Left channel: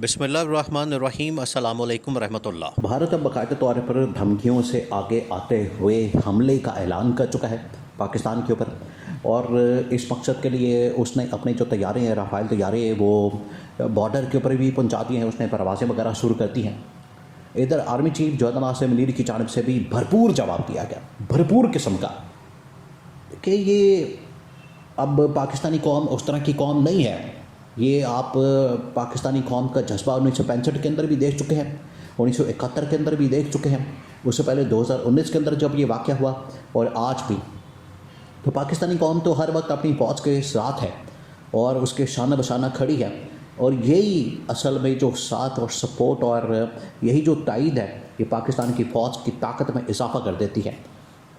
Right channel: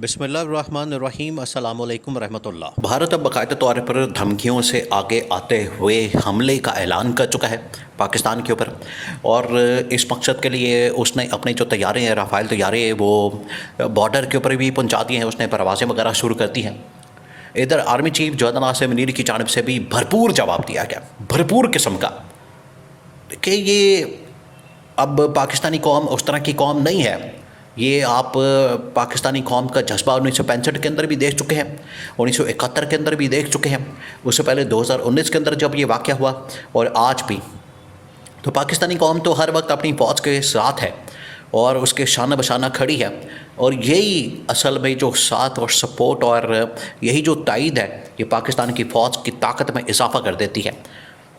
बिस्मिल्लाहिर्रहमानिर्रहीम अस्सलामु अलैकुम रहमतुल्लाह। भारत अब बाकायदा तौर पर धमकियों से आगे आते हुए हमले का ऐलान कर चुका है पाकिस्तान के ऊपर। और इस मकसद के लिए उसने अपनी जो तैयारे हैं, राफ़ेल तैयारे वो बॉर्डर के ऊपर भी पहुंचा दी हैं, उसने परवाज़ें वगैरह शुरू कर दी हैं। इधर army chief general Asim Munir की जानिब से भी भरपूर जवाब दिया गया, भरपूर किस्म का, कि ये अब पाकिस्तानी कौम उस तरह की कौम नहीं है। ये आप पाकिस्तानी कौम का जज्बा 1965 के अंदर भी देख चुके हैं, 1971 के अंदर भी देख चुके हैं, उससे पहले 2019 के अंदर जब ये वाक़या हुआ, और आज भी। तो पाकिस्तानी कौम तो हर वक्त अपनी फ़ौज के साथ है और उसके शाना बशाना खड़ी है। और यही असल में जो साथ और सपोर्ट और यही जो तायद है, ये पाकिस्तान की फ़ौज की ताकत में इजाफ़ा कर देती है।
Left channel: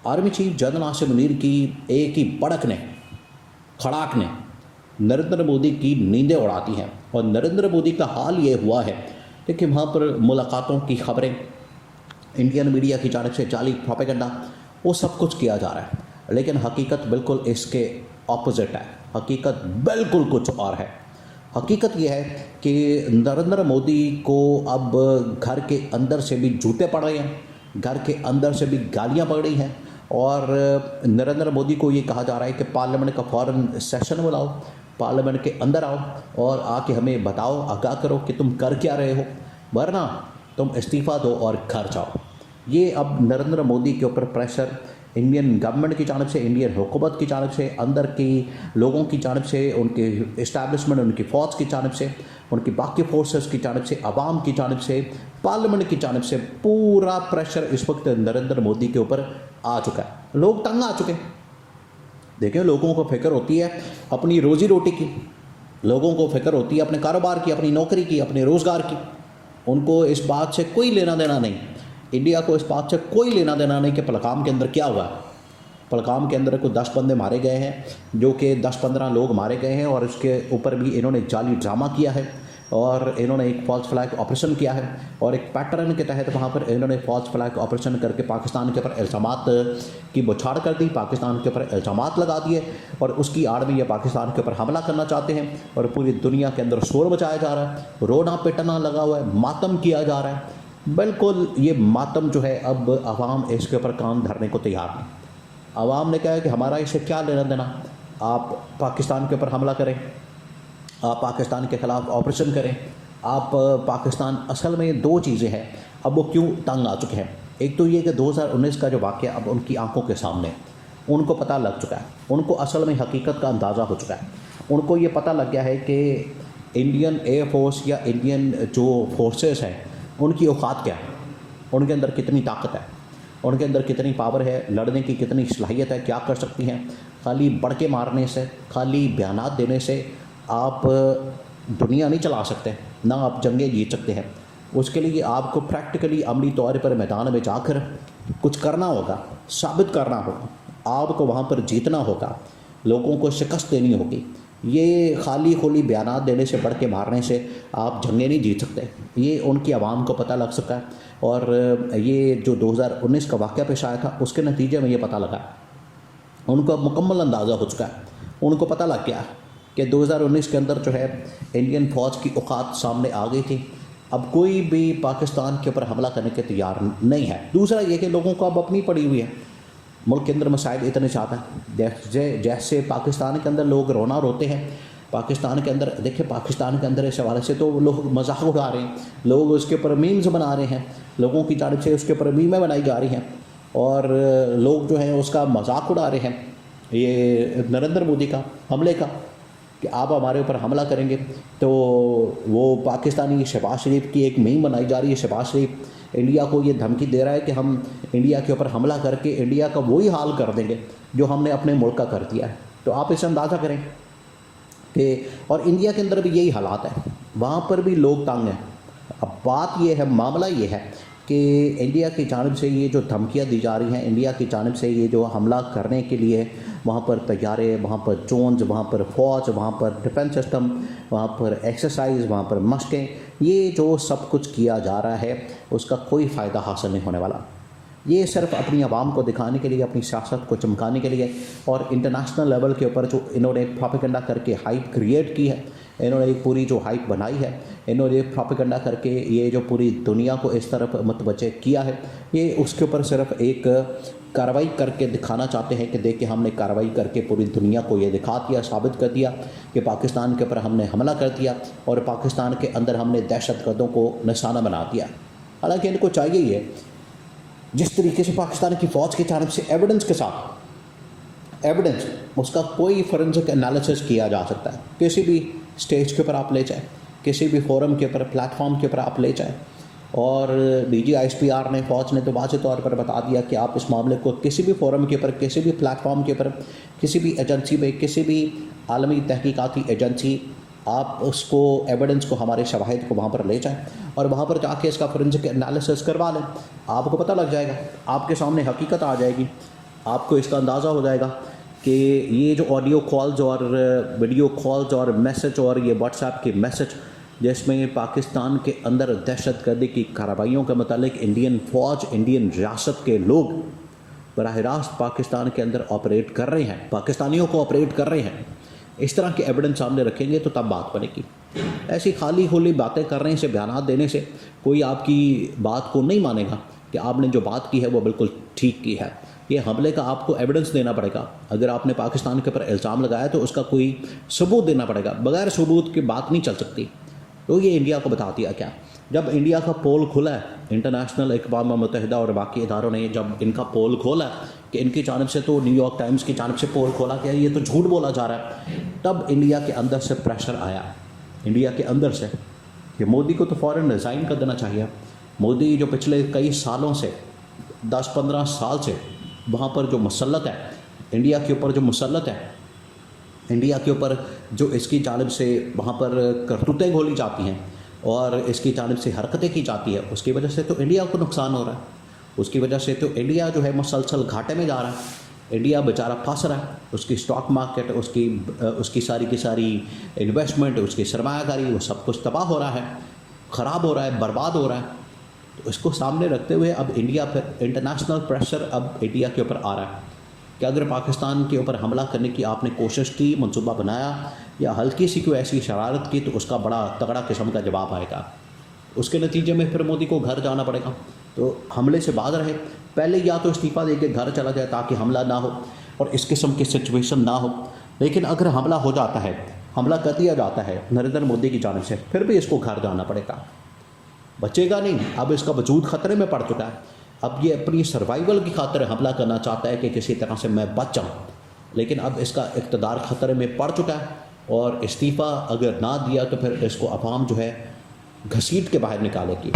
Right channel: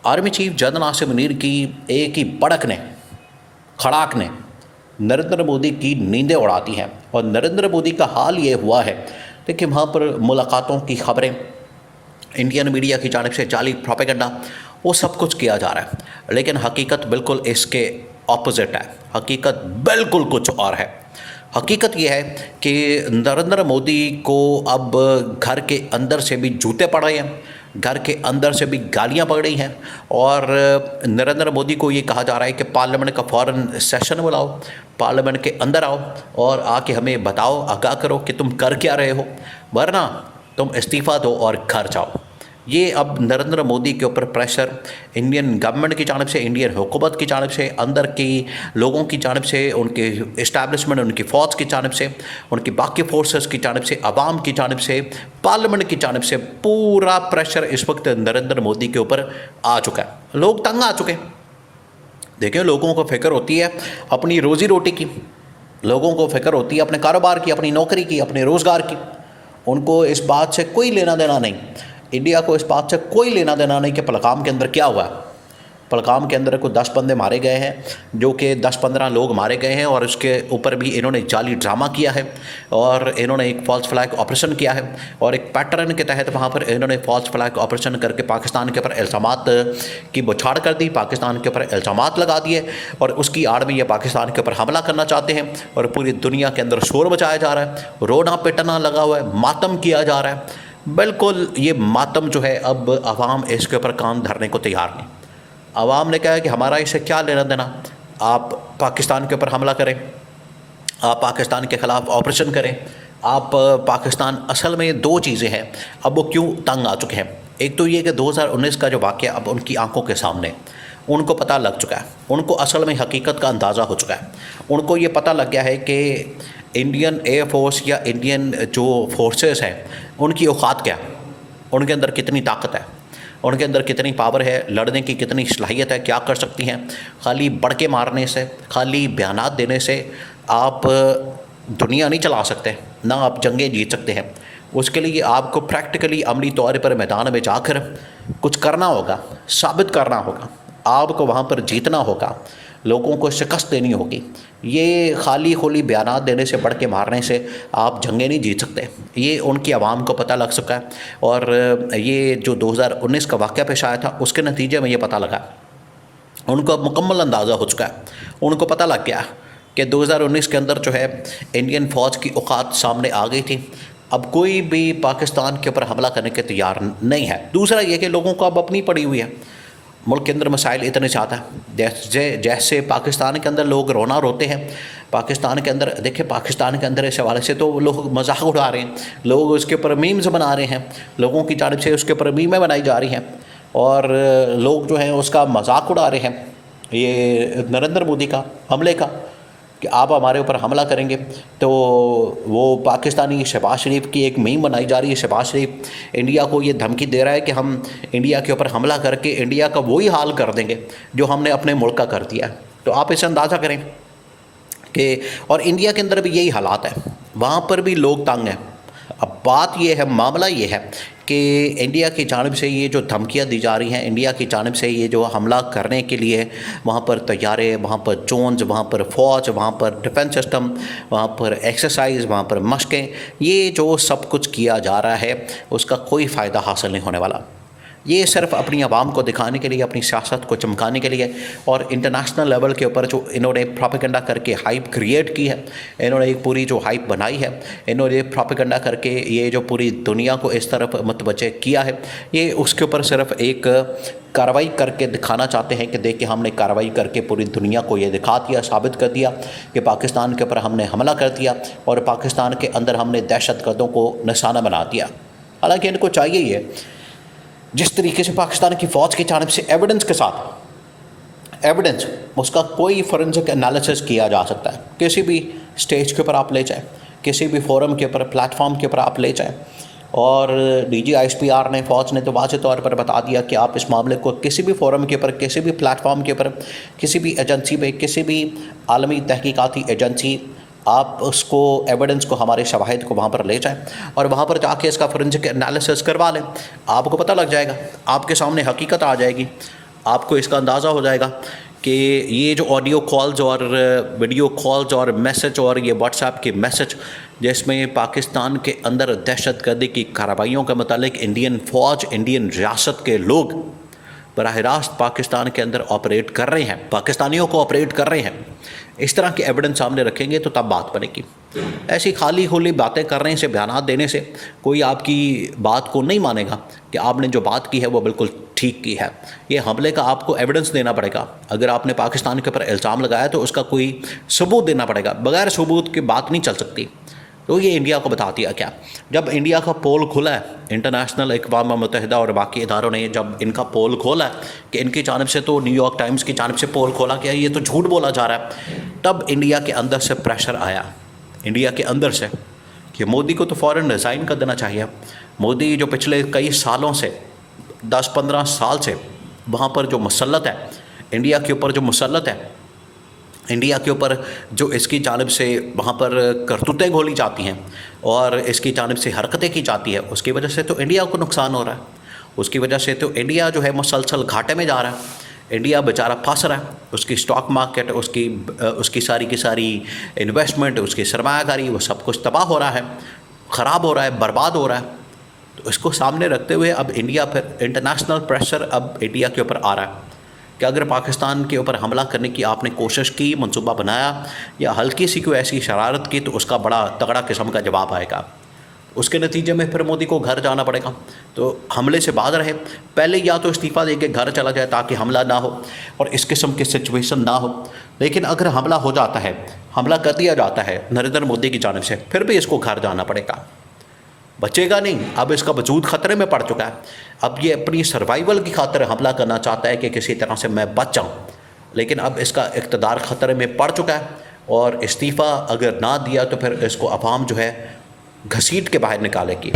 Army chief general Asim Munir की एक ही पड़क ने, खड़ाक ने नरेंद्र मोदी की नींदें उड़ाती हैं। और नरेंद्र मोदी का हाल ये हुआ है, देखिए वहाँ पर मुलाकातों की खबरें, इंडियन मीडिया की जानिब से जाली प्रोपेगेंडा, वो सब कुछ किया जा रहा है, लेकिन हकीकत बिल्कुल इसके ऑपोजिट है। हकीकत बिल्कुल कुछ और है। हकीकत यह है कि नरेंद्र मोदी को अब घर के अंदर से भी जूते पड़ रहे हैं, घर के अंदर से भी गालियां पड़ रही हैं। और नरेंद्र मोदी को ये कहा जा रहा है कि पार्लियामेंट का फ़ौरन सेशन बुलाओ, पार्लियामेंट के अंदर आओ और आके हमें बताओ, आगाह करो कि तुम कर क्या रहे हो, वरना तुम इस्तीफ़ा दो और घर जाओ। ये अब नरेंद्र मोदी के ऊपर प्रेशर इंडियन गवर्नमेंट की जानिब से, इंडियन हुकूमत की जानिब से, अंदर की लोगों की जानिब से, उनके इस्टेब्लिशमेंट, उनकी फ़ौज की जानिब से, उनकी बाकी फोर्सेस की जानिब से, आवाम की जानिब से, पार्लियामेंट की जानिब से, पूरा प्रेशर इस वक्त नरेंद्र मोदी के ऊपर आ चुका है। लोग तंग आ चुके हैं। देखिए, लोगों को फ़िक्र होती है अपनी रोज़ी रोटी की, लोगों को फ़िक्र होती है अपने कारोबार की, अपनी नौकरी की, अपने रोज़गार की। उनको इस बात से कोई लेना देना नहीं, इंडिया को इस बात से कोई लेना देना नहीं कि पहलगाम के अंदर क्या हुआ। पहलगाम के अंदर कोई 10 बंदे मारे गए हैं, जो कि 10-15 लोग मारे गए हैं, और उसके ऊपर भी इन्होंने जाली ड्रामा किया है और इन्होंने एक फॉल्स फ्लैग ऑपरेशन किया है। और एक पैटर्न के तहत वहाँ पर इन्होंने फॉल्स फ्लैग ऑपरेशन करके पाकिस्तान के ऊपर इल्ज़ामात की बौछार कर दी, पाकिस्तान के ऊपर इल्ज़ामात लगा दिए, और उसकी आड़ में ये पाकिस्तान के ऊपर हमला करना चाहते हैं। और पूरी दुनिया के अंदर शोर मचाया जा रहा है, रोना पिटना लगा हुआ है, मातम किया जा रहा है। बिल्कुल ये मातम जो है, अब आवाम इसके ऊपर कान धरने को तैयार नहीं। आवाम ने कहा है कि हमारा इसे क्या लेना देना, आप पाकिस्तान के ऊपर हमला करें, आप पाकिस्तान के ख़िलाफ़ ऑपरेशन करें। आप पाकिस्तान, असल में दो चीज़ें हैं अब वो क्यों तंग आ चुके हैं। एक तो ये कि 2019 का जो वाक़या अब उनकी आंखों के सामने, उनको पता लग चुका है, उनको असल में हकीकत का अंदाज़ा हो चुका है। उनको ये पता लग गया है कि इंडियन एयर फोर्स या इंडियन जो फोर्सेस हैं, उनकी औकात क्या है, उनके अंदर कितनी ताकत है, उनके अंदर कितनी पावर है, लड़ने की कितनी सलाहियत है, क्या कर सकती हैं। खाली बढ़ के मारने से, खाली बयानात देने से आप दुनिया नहीं चला सकते, ना आप जंगें जीत सकते हैं। उसके लिए आपको प्रैक्टिकली अमली तौर पर मैदान में जाकर कुछ करना होगा, साबित करना होगा, आपको वहाँ पर जीतना होगा, लोगों को शिकस्त देनी होगी। ये खाली खोली बयानात देने से, बढ़ के मारने से आप जंगें नहीं जीत सकते। ये उनकी आवाम को पता लग सका है। और ये जो 2019 का वाक़या पेश आया था, उसके नतीजे में ये पता लगा, उनको अब मुकम्मल अंदाज़ा हो चुका है। उनको पता लग गया कि 2019 के अंदर जो है इंडियन फ़ौज की औकात सामने आ गई थी। अब कोई भी पाकिस्तान के ऊपर हमला करने के तैयार नहीं है। दूसरा ये कि लोगों को अब अपनी पड़ी हुई है, मुल्क के अंदर मसाइल इतने ज़्यादा हैं, जैसे पाकिस्तान के अंदर लोग रोना रोते हैं, पाकिस्तान के अंदर देखिए, पाकिस्तान के अंदर इस हवाले से तो लोग मजाक उड़ा रहे हैं, लोग उसके ऊपर मीम्स बना रहे हैं, लोगों की जानिब से उसके ऊपर मीमें बनाई जा रही हैं, और लोग जो हैं उसका मजाक उड़ा रहे हैं, ये नरेंद्र मोदी का हमले का, कि आप हमारे ऊपर हमला करेंगे। तो वो पाकिस्तानी शहबाज शरीफ की एक मीम बनाई जा रही है। शहबाज शरीफ इंडिया को ये धमकी दे रहा है कि हम इंडिया के ऊपर हमला करके इंडिया का वही हाल कर देंगे जो हमने अपने मुल्क का कर दिया है। तो आप इसे अंदाज़ा करें कि, और इंडिया के अंदर भी यही हालात है, वहाँ पर भी लोग तंग हैं। अब बात ये है, मामला ये है कि इंडिया की जानिब से ये जो धमकियाँ दी जा रही हैं, इंडिया की जानिब से ये जो हमला करने के लिए वहाँ पर तैयारे, वहाँ पर ड्रोन्स, वहाँ पर फ़ौज, वहाँ पर डिफेंस सिस्टम, वहाँ पर एक्सरसाइज, वहाँ पर मशक़ें, ये जो सब कुछ किया जा रहा है, उसका कोई फ़ायदा हासिल नहीं होने वाला। ये सिर्फ अपनी आवाम को दिखाने के लिए, अपनी सियासत को चमकाने के लिए और इंटरनेशनल लेवल के ऊपर जो इन्होंने प्रोपेगेंडा करके हाइप क्रिएट की है, इन्होंने एक पूरी जो हाइप बनाई है, इन्होंने प्रोपेगेंडा करके ये जो पूरी दुनिया को इस तरफ मुतवज्जे किया है, ये उसके ऊपर सिर्फ एक कार्रवाई करके दिखाना चाहते हैं कि देखिए हमने कार्रवाई करके पूरी दुनिया को ये दिखा दिया, साबित कर दिया कि पाकिस्तान के ऊपर हमने हमला कर दिया और पाकिस्तान के अंदर हमने दहशतगर्दों को निशाना बना दिया। हालांकि इनको चाहिए ये जिस तरीके से पाकिस्तान की फ़ौज की जानिब से एविडेंस के साथ एविडेंस उसका कोई फोरेंसिक एनालिसिस किया जा सकता है, किसी भी स्टेज के ऊपर आप ले जाएं, किसी भी फोरम के ऊपर, प्लेटफॉर्म के ऊपर आप ले जाएं। और DGISPR ने, फ़ौज ने तो वाज़ेह तौर पर बता दिया कि आप इस मामले को किसी भी फोरम के ऊपर, किसी भी प्लेटफॉर्म के ऊपर, किसी भी एजेंसी में, किसी भी आलमी तहकीकाती एजेंसी, आप उसको एविडेंस को, हमारे शवाहिद को वहाँ पर ले जाएं और वहाँ पर जाके इसका फोरेंसिक एनालिसिस करवा लें। आपको पता लग जाएगा, आपके सामने हकीकत आ जाएगी, आपको इसका अंदाज़ा हो जाएगा कि ये जो ऑडियो कॉल्स और वीडियो कॉल्स और मैसेज और ये व्हाट्सएप के मैसेज जिसमें पाकिस्तान के अंदर दहशतगर्दी की कार्रवाइयों के मुतालिक इंडियन फ़ौज, इंडियन रियासत के लोग बराह रास्त पाकिस्तान के अंदर ऑपरेट कर रहे हैं, पाकिस्तानियों को ऑपरेट कर रहे हैं, इस तरह के एविडेंस सामने रखेंगे तो तब बात बनेगी। ऐसी खाली खुली बातें करने से, बयानात देने से कोई आपकी बात को नहीं मानेगा कि आपने जो बात की है वो बिल्कुल ठीक की है। ये हमले का आपको एविडेंस देना पड़ेगा। अगर आपने पाकिस्तान के ऊपर इल्ज़ाम लगाया तो उसका कोई सबूत देना पड़ेगा, बगैर सबूत की बात नहीं चल सकती। तो ये इंडिया को बता दिया क्या, जब इंडिया का पोल खुला है, इंटरनेशनल अक़वाम मुत्तहिदा और बाकी इदारों ने जब इनका पोल खोला है कि इनकी जानिब से, तो न्यूयॉर्क टाइम्स की जानिब से पोल खोला गया, ये तो झूठ बोला जा रहा है, तब इंडिया के अंदर से प्रेशर आया, इंडिया के अंदर से, कि मोदी को तो फ़ौरन रिज़ाइन कर देना चाहिए। मोदी जो पिछले कई सालों से, 10-15 साल से वहाँ पर जो मुसल्लत है, इंडिया के ऊपर जो मुसल्लत है, इंडिया के ऊपर जो इसकी जानिब से वहाँ पर करतूतें घोली जाती हैं और इसकी जानिब से हरकतें की जाती है, उसकी वजह से तो इंडिया को नुकसान हो रहा है। उसकी वजह से तो इंडिया जो है मुसलसल घाटे में जा रहा है। इंडिया बेचारा फंस रहा है, उसकी स्टॉक मार्केट, उसकी सारी की सारी इन्वेस्टमेंट, उसकी सरमायाकारी, वो सब कुछ तबाह हो रहा है, ख़राब हो रहा है, बर्बाद हो रहा है। तो इसको सामने रखते हुए अब इंडिया पर इंटरनेशनल प्रेशर अब इंडिया के ऊपर आ रहा है कि अगर पाकिस्तान के ऊपर हमला करने की आपने कोशिश की, मंसूबा बनाया या हल्की सी कोई ऐसी शरारत की, तो उसका बड़ा तगड़ा किस्म का जवाब आएगा। उसके नतीजे में फिर मोदी को घर जाना पड़ेगा। तो हमले से बाज रहे, पहले या तो इस्तीफ़ा देके घर चला जाए ताकि हमला ना हो और इस किस्म की सिचुएशन ना हो। लेकिन अगर हमला हो जाता है, हमला कर दिया जाता है नरेंद्र मोदी की जानिब से, फिर भी इसको घर जाना पड़ेगा, बचेगा नहीं। अब इसका वजूद ख़तरे में पड़ चुका है। अब ये अपनी सर्वाइवल की खातिर हमला करना चाहता है कि किसी तरह से मैं बच जाऊँ, लेकिन अब इसका इक़्तिदार ख़तरे में पड़ चुका है और इस्तीफ़ा अगर ना दिया तो फिर इसको अवाम जो है घसीट के बाहर निकालेगी।